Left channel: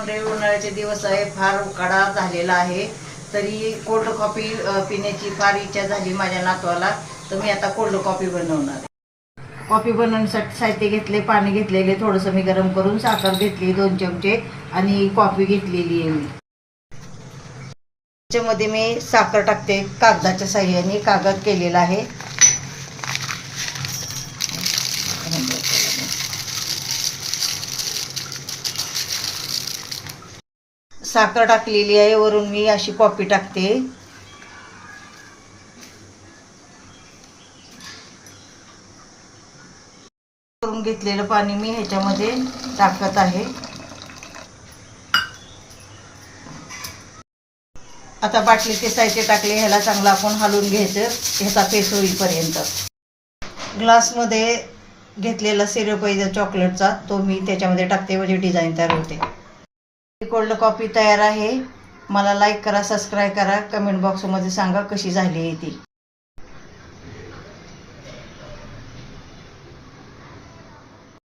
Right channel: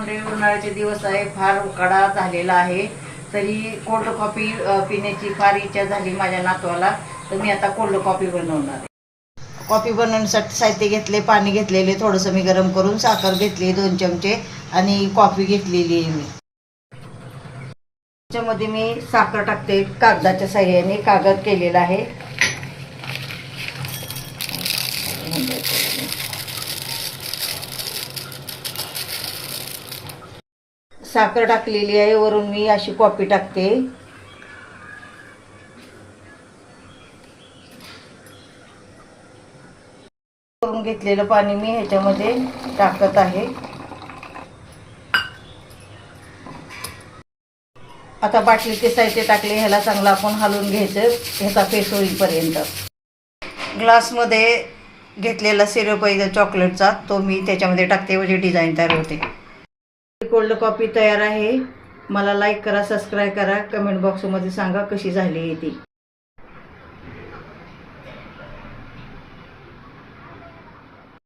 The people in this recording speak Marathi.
मंडळी, उन्हाळ्याचे दिवस आहे, फार उकाडा झालेला आहे. तरी कोल्ड कॉफी पिण्याची फार इच्छा झाली माझ्या नातवाला. तर मी आता कोल्ड कॉफी बनवणार आहे. कॉफी बनवण्यासाठी साहित्य घेतले, पाणी घेतलेले थोडंसं मी गरम करून, साखर घेतली 2 चमचे आणि कॉफी घेतलेली आहे मी. त्याच्यामध्ये मी साखर टाकते कागदाच्या साह्याने, कागद केलेला आहे. साखर टाकलेली आहे, वरून मी अशी कॉफी टाकते. करून घेतलेलं पाणी मी ह्याच्यामध्ये टाकत आहे. आता बाटलीचे साहित्य टाकले, ह्याला चांगलं आपण हलवून घ्यायचं ह्याचा पेस्ट होईपर्यंत. ग्लासमध्ये घेतलेला सिरप आहे चॉकलेटचा, तो मी त्याच्यामध्ये टाकते, म्हणजे डिझाईन तयार होते. कोल्ड कॉफी तयार आहे. मला लाईक करा, सबस्क्राईब करा, कमेंट बॉक्समध्ये सांगा कशी झाली आहे ती.